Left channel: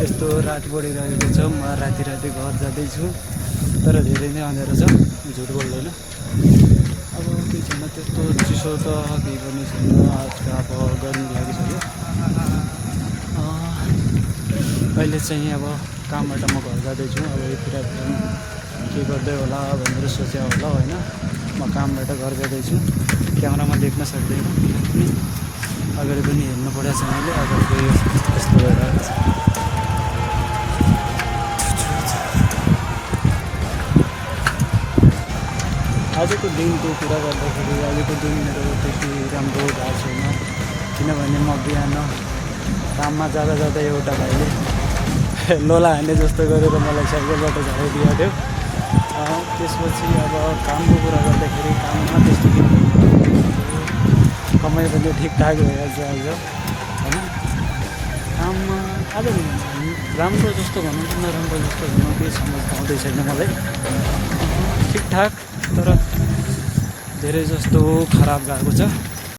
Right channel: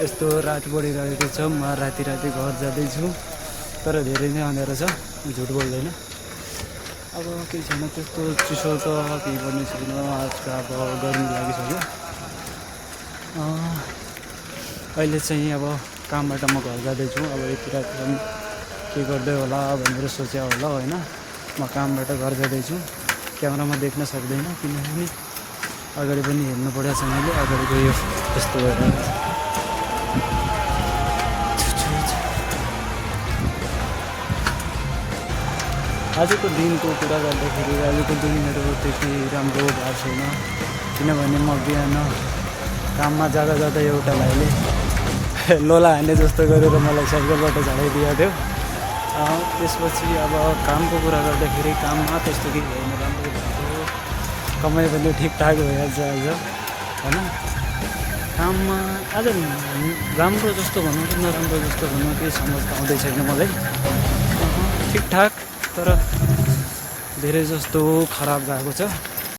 यस्तो रात बढिरहेको छ। म राति राति घर जाँदैछु, तर धेरै नै अँध्यारो छ, झुट बोल्दैन। अब केही छैन, त्यस्तो चिसो त केही पनि छैन। आज त अब गर्मी लागिसक्यो। अहिले चाहिँ अब कामबाट म घर जाँदैछु। अब यति राति के गर्दै होला भनेर सोच्या होला होइन। म कामबाट घर जाँदैछु। क्यामेरामा देख्न सक्दैन, किनभने अगाडि पनि हेर्नु परेको छ मैले। अगाडिको यस्तो भइरहेको छ। आजको दिनको कुरा गर्दाखेरि आजको दिन मेरो त्यति राम्रो भएको छैन, किनभने म बिहान काममा जाँदा जाँदा एउटा भाइले लोला हान्ने जस्तो गरेर मलाई साइकलबाट झराइदिएको थियो। त्यसपछि अब कामको कुरा गर्दाखेरि काममा त्यस्तो केही छैन, कमाइ पनि ठिकठाक भइहाल्छ आज होइन। काममा आज राम्रो जस्तो भनौँ कि नराम्रो जस्तो भनौँ केही समझ आउँदै छैन मलाई। ठिकठाक तर धेरै जस्तो खराब गएको छ।